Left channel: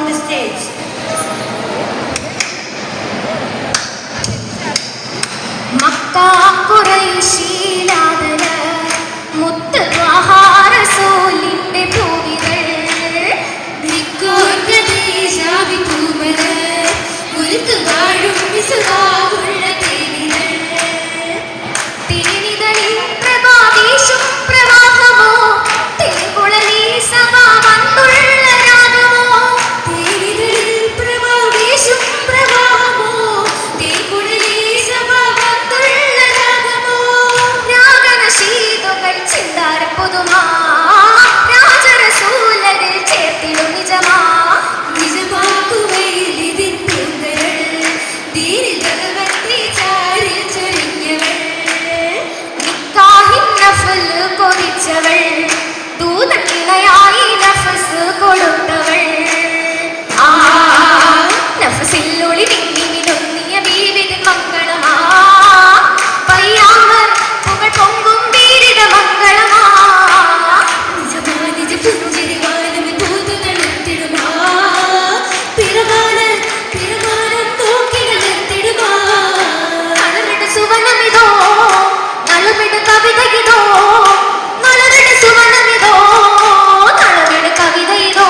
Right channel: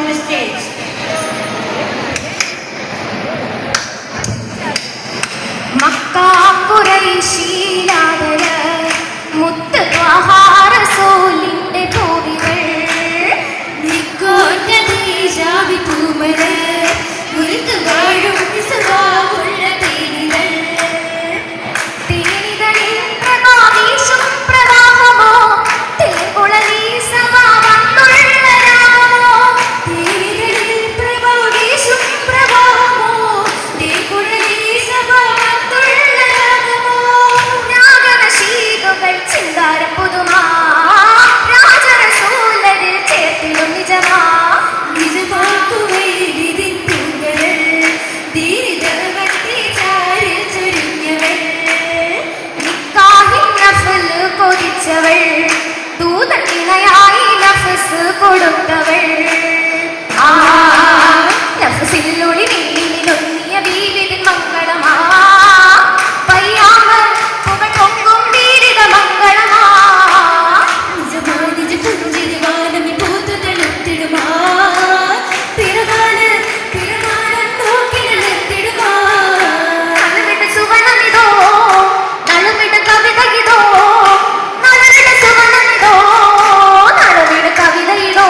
on the stage. മക്കാ ഖുറൈശിലാദര മുത്ത് ത്വാഹ റസൂലിന്റെ പൂവികൾ നിക്കോർക്ക ദേശാവി പൂമര മുൽക്ക് വാഴും വിസുവാവുള്ള തേനികൾ തേനികളിൽ പ്രഭാതീശും പ്രവാഹമോ തേൻകുളലി സമാവന്തുള്ള രാഗമോ തേനികളിൽ പ്രഭാതീശും പ്രവാഹമോ തേൻകുളലി സമാവന്തുള്ള രാഗമോ രാഗനശീതുകൾ ചിന്താര പുതുമാ രാജരസൂലരിൽ ചേർത്തിടും നിജമാ നിജമാക്കുവയിലിതിൻ പൂങ്കൾ ധീരി ജഗവത്തി ചാരിൽ ചൊരിഞ്ഞവൾ നിക്കാഹിൻ നഫൽ കൊതിച്ചവൾ ദൂതനിലയായി നഫസ് കൊടുത്തവൾ ആ നഫസിലുള്ളി നിന്നിലൊന്നിയ ബീവിതിൻ മംഗളമാ പയ്യാമ പുകൾ പൊങ്കും വീരിത മംഗളമാ നിജമാ നിജ പുഞ്ചിരിവാനമി പൂത്തുതളുത്തിടുമാ പിറമാനം നോക്കിടലെത്തിടുമാ നളുവിട സുവനമിതോ നളുവിട കവിതയിതോ നളുവിട സുവനമിതോ നളുവിട കവിതയിതോ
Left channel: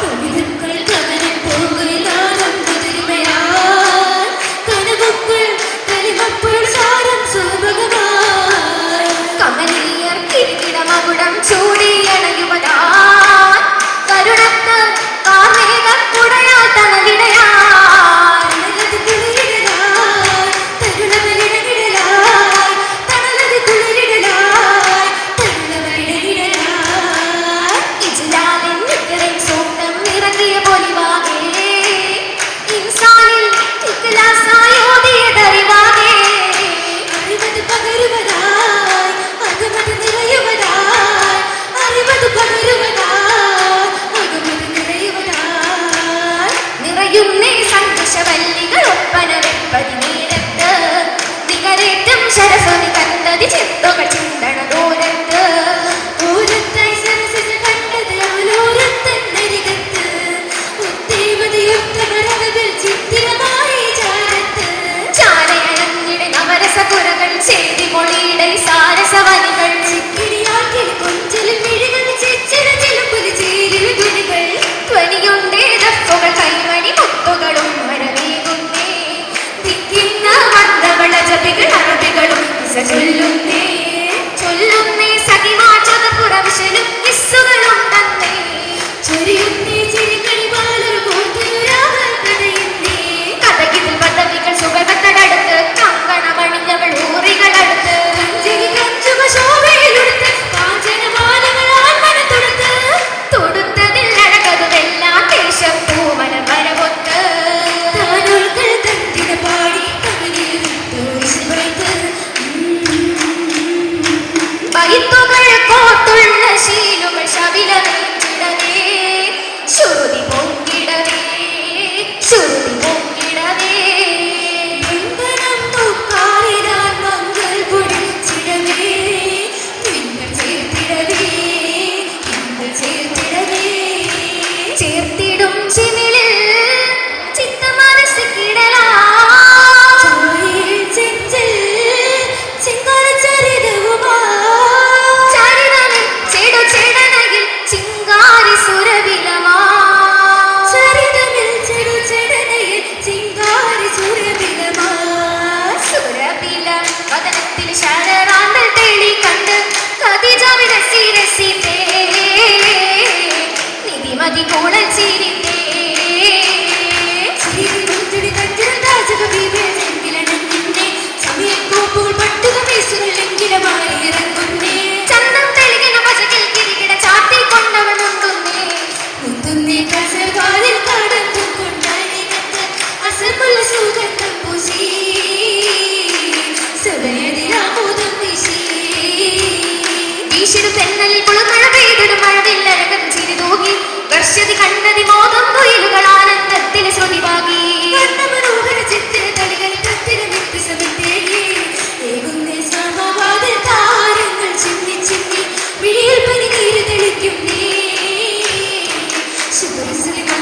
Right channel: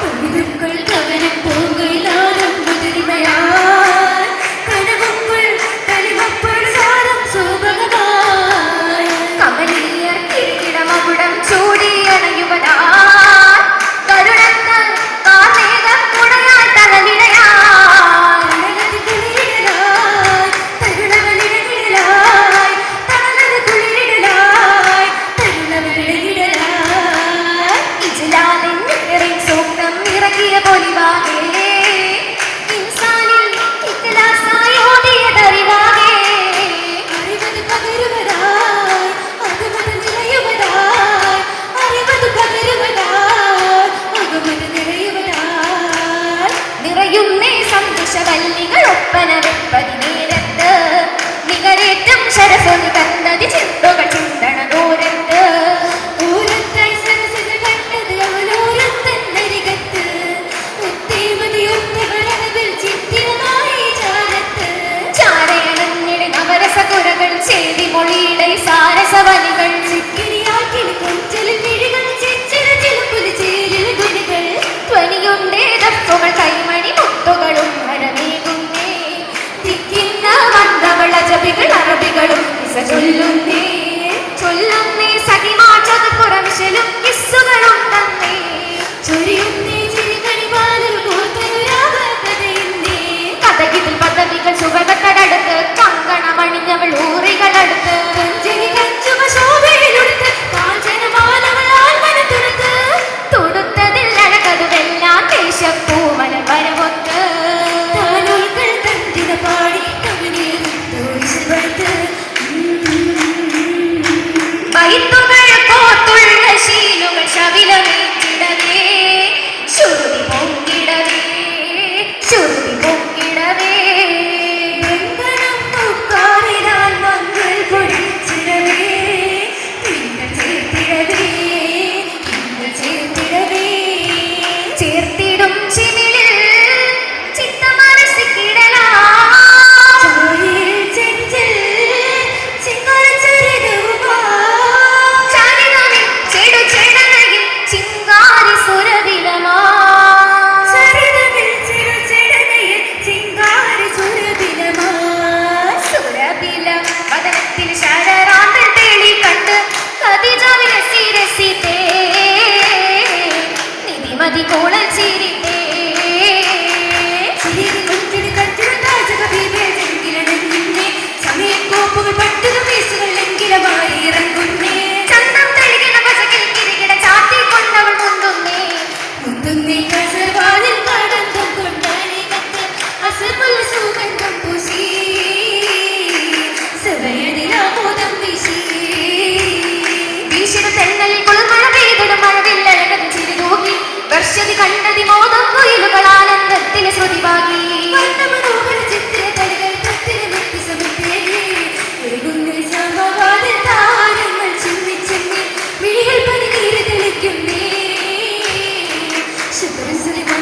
കവിതകൾ കവനം പോകയിലാലും മുതിരിമയാൽ കനവുകൾ കലിമപ്പോൾ സാരം സോഭകമായി കമലീയർ കിരീടമകുടം ചൂടിയണയുവനാൻ കരുണത്ത് കാർമേഘം കുടയാൽ തണലിടയാൽ തണലത് കുളിരിടലായി തരുണവലിടവിടലായി തണലത് കുളിരിടലായി തരുണവലിടവിടലായി ഇജ്ലാലിൻ നിറൻ സൂക്തം ഇറക്കിയ പൊലിവാകെ ഇൻസാനിൽ ഇഖ്ലാസായി ഓതിയതറിവാകെ അറിവത് പകരുവതായി അകമത് നിറയുവതായി അറിവത് പകരുവതായി അകമത് നിറയുവതായി നിറയുന്നേ സന്തോഷവല്ലികൾ ഒപ്പന വെപ്പതി നേരത്ത് നികരേറ്റം ശരസ്വതി തന്നതി ചിന്തകൾ ചിന്തണ ദൂരത്ത് ദൂരത്തായി സരസിജ കണ്ടത് ആലോരത്തന്നരികത്ത് ഉത്തേവതയൊത്ത വരുന്നതിൽ ചിത്തിരമായി ചാരത്ത് ചാരയണഞ്ഞിട നവരസകുരകൾ ചേരി മൊഴിയിടൈ സാരസവനികൾ ചിക്കിരിയാക്കിൽ കൊഞ്ചലിൽ മിഴികൾ ചെച്ചിട ചിലുമ്പുലി ചേരിൽ തുണികൾ ധ്വനിയുണ്ടേ ദഫുകൾ കൈമണി മുത്തുകളും മരമേകുന്നേ തിക്കിന്ന മന്ദവള ജപികൾ അറുതികളും ചൊല്ലുന്നേ ചൊല്ലുന്നേ സഖിമാചക പുറവിശലും കിസ്സുകളും തന്നേ ചൊരിയുന്നേ ചിരികളിവാലർ കൂർത്തുരാവതയുന്നേ കഥകിതിൽ പദവികൾ സുഗതത്തടടുത്ത് കങ്കണമണിഞ്ഞവൾ ഊറികളടുത്ത് കഞ്ചിനി കഞ്ചുമ ശോഭയിലുടുത്ത് കാഞ്ചനമാലകളാൽ മനത്തുടുത്ത് തൊടുത്തതിൽ നടക്കതുവെല്ലാം ദേശപ്പൂമന വരവൊത്ത് താനുൾക്കൾ തന്തിന പാടി കവിതയെടുത്ത് വിശുവൈത്ത് ബൈത്തുകൾ കോത്തുള്ള ശീലുകൾ ശവിലമേറ്റിടവേ ശ്രുതി പൊങ്കിടവേ ശ്രുതി പൊങ്കിടവേ ബന്ധനം പൂക്കാറിനാൽ മങ്ങൾ പൊടിച്ചിടവേ തിങ്കൾ ചേർത്തിടവേ തിങ്കൾ ചേർത്തിടവേ ചേർത്തിടും ചിമിഴിൽ ചിത്തമനസ്സിക്കിടലാ ചായയിൽ ചെഞ്ചിൽ ചിങ്കാരചരിതവുമാ ചരിതമിൽ ചെടുചെടനയിൽ ചിങ്കാരി സുരവിലമാ ചരിതമിൽ ചെടുചെടനയിൽ ചിങ്കാരി സുരവിലമാ സുരവില വദനത്തിൽ ശരറാണ്ട് തെളി കണ്ട് ഖദീജ രസിരസിതേ നിധിമതി കൂടൽ ചിരിത്തേ ചിരി മുഞ്ചുടി കഞ്ചിരം രാജകവിവേ ചെങ്കിലടങ്ങിന്നേ സമയത്തോപ്പുകൾ പട്ടുക പേസുകൾ എങ്കിലമായി ഇറങ്ങുന്നേ ചന്തം തെളികിന പശകിൽ കിരികിട ചാട്ടിക്കൊണ്ടവൾ മുന്തുന്നേ മുന്തുന്നേ കസർവാലിൽ കടന്തും കൊണ്ടണി കത്ത് അസർമുള്ള സുഗന്ധം പൂശി സഭയതിരാമോദം വീശി വീശിടും തെന്നലിൽ കുളിർമഴ പെയ്തിടും മഴവില്ലഴകൻ ചിരി തൂകി വർഷതി കണ്ടതി മോദം കൊയിലുകൾ ആനന്ദത്തിന് ശ്രുതിവാകി മനോഹര ചിത്ര തളികൾ കത്തിരമെത്തി സമത്തേകി ഏകുന്നേ സമവാദ താരങ്ങൾ ചിന്നി ചിന്നി വിഴിയിൽ പനിനീര് തെളിക്കുന്നേ ശുഭശ്രീ